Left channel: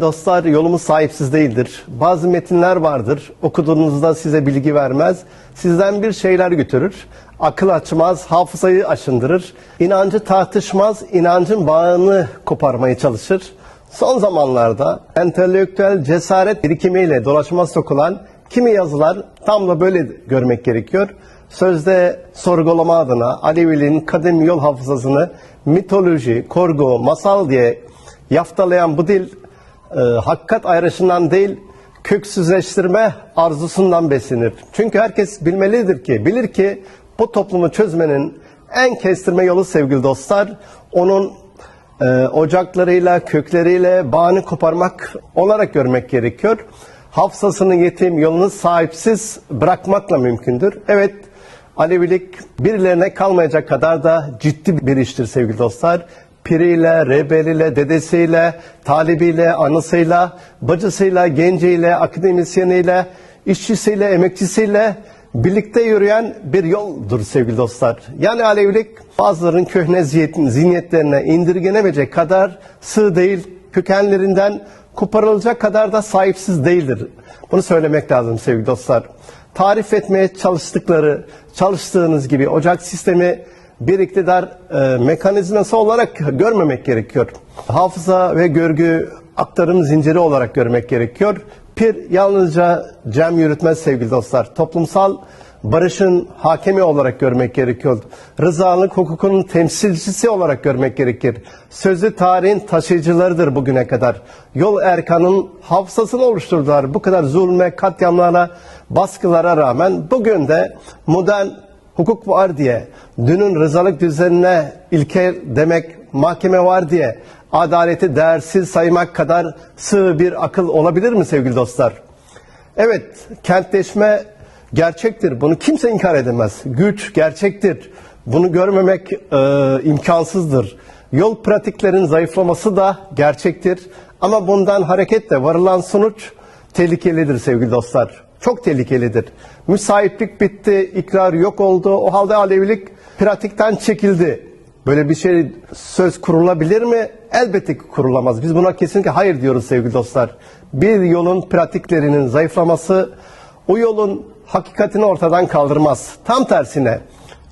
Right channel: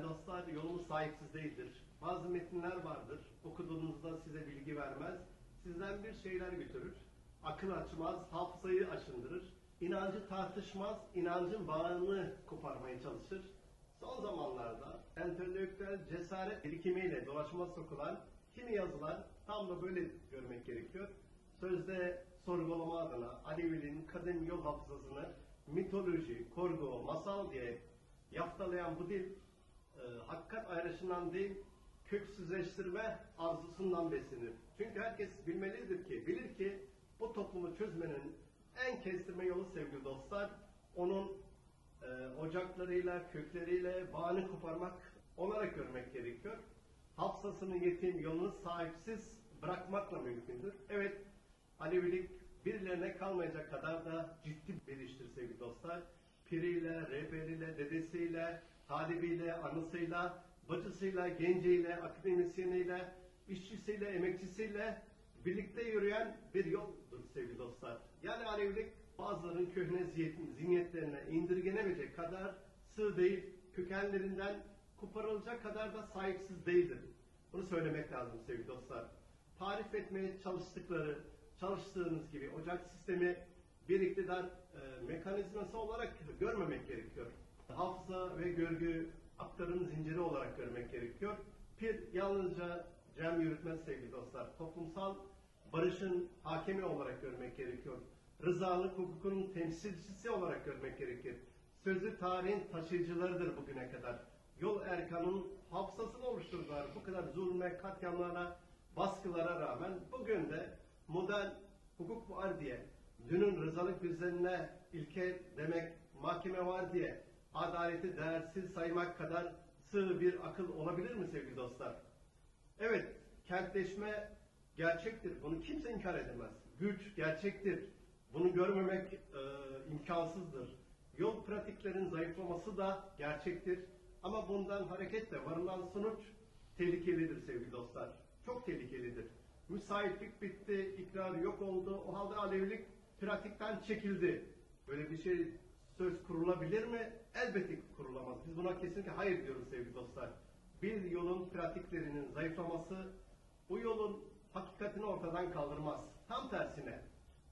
Dostlar yolumuz sahipsiz değildir. Bazı metinler vardır. Okuduğunuzda size bilgi vermez. Sizden bir şeyler götürür. Akıl açmaz, hafızayı aşındırır. İnancı tartışmaz, inancın bağını koparmaya çalışır. Son zamanlarda entelektüel cesaret birikimiyle dolaşıma sokulan kimi yazılar tam da böyle görmek gerekiyor. Sözde sorgulama adına Aleviliğin kadim yol hafızasını mitoloji, korgu, masal diye yaftalayan bu dil e, hakikat ayrışından değil köksüzleştirme arzusundan beslenir. Çünkü herkes bilmelidir ki, bilir ki bu toplumu çözmenin en kestirme yolu sevgili dostlar, onun e, ocaklarıyla, kökleriyle bağını koparmak olarak görmek gerekiyor. Hafızasını yetim, yolunu sahipsiz bırakmakla mümkündür. Evet, Alevilik birilerine kalmayacak kadar da ciddi bir iştir sevgili dostlar. Piriyle, rebeliyle, dedesiyle, talibiyle, anısıyla, bacısıyla, genciyle, akademisyeniyle, işçisiyle, emekçisiyle birlikte yürüyen bir yoldur sevgili dostlar. Yani Alevilik bazıların köhne zihniyet- zihniyetlerine indirgenemeyecek kadar sığ değil, kökenlerinden koparılacak kadar da sahipsiz değildir. Bunu söylemek lazım sevgili dostlar. Tarif etmeye çalıştıkları, çalıştığınız gibi ocak sistemi bir iktidar e, mekanizması olarak görmemek gerekiyor. Hafıza ve görgü aktarım zinciri olarak görmek gerekiyor. Pir yalnızca cem yürütmez sevgili dostlar. Toplumsal barışın hakemi olarak görmek gerekiyor. Rızalık hukukun temsilcisi olarak görmek gerekir. Sözlü tarihin taşıyıcılarıdır bugüne kadar. Yol erkanın hafızasını oluşturdular. Bu kadar zulme, katliamlara, baskılara rağmen bugün de modern hukuk var diye, dünün rızalık düzenine ilke demek mahkeme var diye adaleti değersiz saymak kadar sığ bir akıl olabilir mi sevgili dostlar? Evet, kentleşme gerçektir. Bunu kimse inkar edemez. Güç gerçektir. Bunu görmemek e, imkansızdır. Yol pratiklerin zayıflaması da gerçektir. Ama bundan hareketle varılan sonuç tehlikelidir sevgili dostlar. Çok tehlikelidir. Müsaitlik bitti, ikrar yok oldu. O halde Alevilik pratikten çekildi. Böyle bir şey söz kurulabilir mi? Elbette ki kurulamaz. Biz buna kesinlikle hayır diyoruz sevgili dostlar. Bir yolun pratiklerinin zayıflaması o yolun hakikatini ortadan kaldırmaz. Tam tersine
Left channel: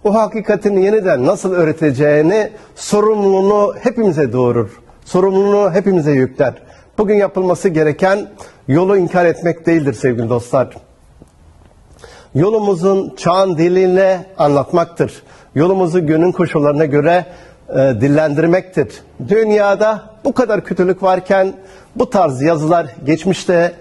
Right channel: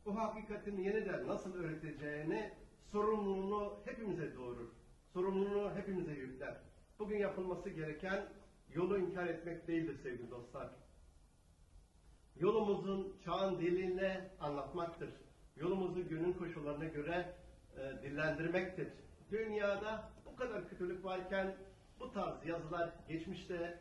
o hakikatin yeniden nasıl öğreteceğini sorumluluğunu hepimize doğurur. Sorumluluğunu hepimize yükler. Bugün yapılması gereken yolu inkar etmek değildir sevgili dostlar yolumuzun çağın diliyle anlatmaktır. Yolumuzu günün koşullarına göre e, dillendirmektir. Dünyada bu kadar kötülük varken bu tarz yazılar geçmişte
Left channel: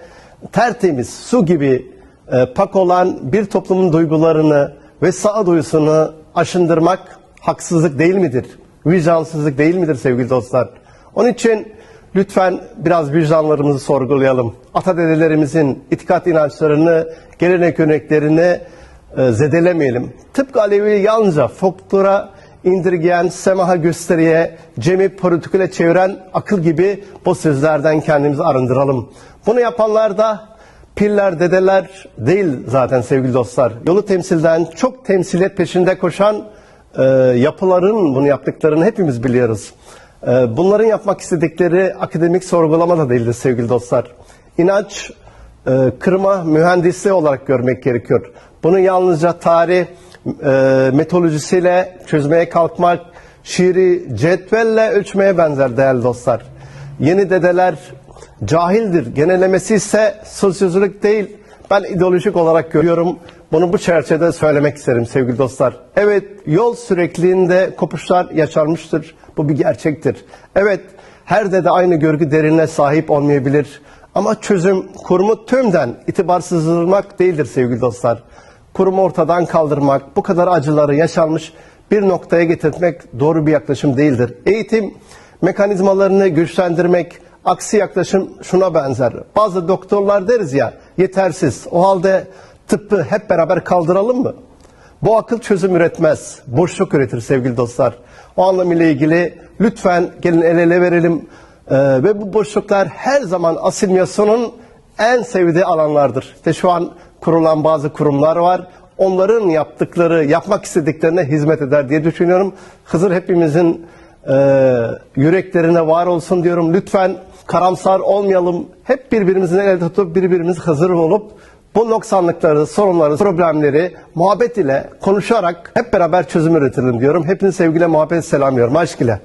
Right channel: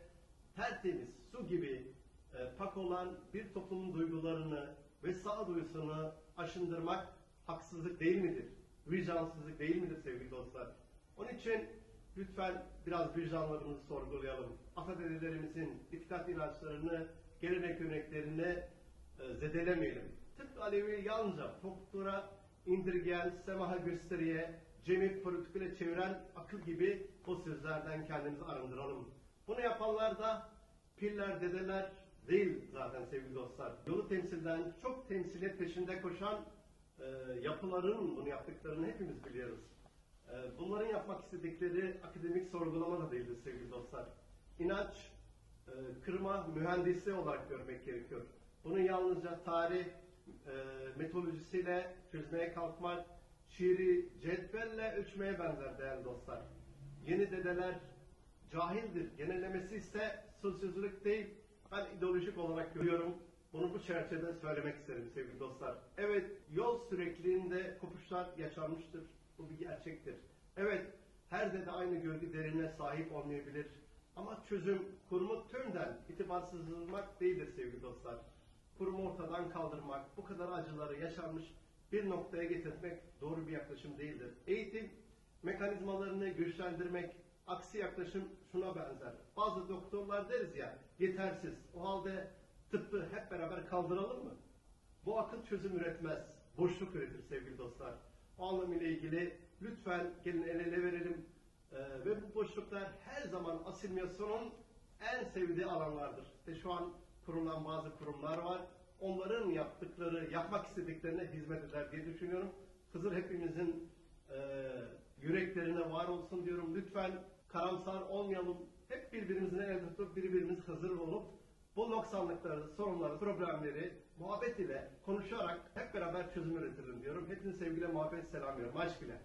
tertemiz su gibi e, pak olan bir toplumun duygularını ve sağduyusunu aşındırmak haksızlık değil midir? Vicdansızlık değil midir sevgili dostlar? Onun için lütfen biraz vicdanlarımızı sorgulayalım. Atadedelerimizin itikat inançlarını, gelenek örneklerini e, zedelemeyelim. Tıpkı Alevi yalnızca folklora indirgeyen, semaha gösteriye, cemi politikule çeviren akıl gibi bu sözlerden kendimizi arındıralım. Bunu yapanlar da piller, dedeler değil zaten sevgili dostlar. Yolu temsilden çok temsiliyet peşinde koşan e, yapıların bunu yaptıklarını hepimiz biliyoruz. E, bunların yapmak istedikleri akademik sorgulama da değildir sevgili dostlar. İnanç e, kırma mühendisliği olarak görmek gerekiyor. Bunu yalnızca tarih e, metodolojisiyle çözmeye kalkmak, şiiri cetvelle ölçmeye benzer değerli dostlar. Yeni dedeler cahildir. Genellemesi ise sosyolojik değil. Ben ideolojik olarak görüyorum. Bunu bu çerçevede söylemek isterim sevgili dostlar. Evet yol sürekliliğinde kopuşlar yaşanmıştır. Bu bir gerçektir. Evet her dede aynı görgü derinliğine sahip olmayabilir. Ama çözüm kurumu tümden itibarsızlamak değildir sevgili dostlar. Kurumu ortadan kaldırmak, bu kadar acıları yaşanmış bir noktaya getirmek doğru bir yaklaşım değildir. Eğitim mekanizmalarını güçlendirmek, aksi yaklaşım şuna benzer. Bazı doktorlar deriz ya yetersiz. O halde tıbbı hep beraber kaldıralım mı? Bu akıl çözüm üretmez. Boşluk üretir sevgili dostlar. O anlamıyla ilgili lütfen gelin el ele verelim. Ee, ve bu boşluklar her zaman asimilasyonun en sevdiği alanlardır. İşte şu an kurulan bazı kurumlar var. Onların yaptıkları, yapmak istediklerine hizmet eder diye düşünüyorum. Hızır hepimizin e, yüreklerine var olsun diyorum. Lütfen karamsar olmayalım. Hep birbirimizin el tutup birbirimiz hazır olup bu noksanlıkları, sorunları, problemleri muhabbet ile konuşarak hep beraber çözüm üretelim diyorum. Hepinizi sevgiyle, muhabbet selamlıyorum. Aşk ile.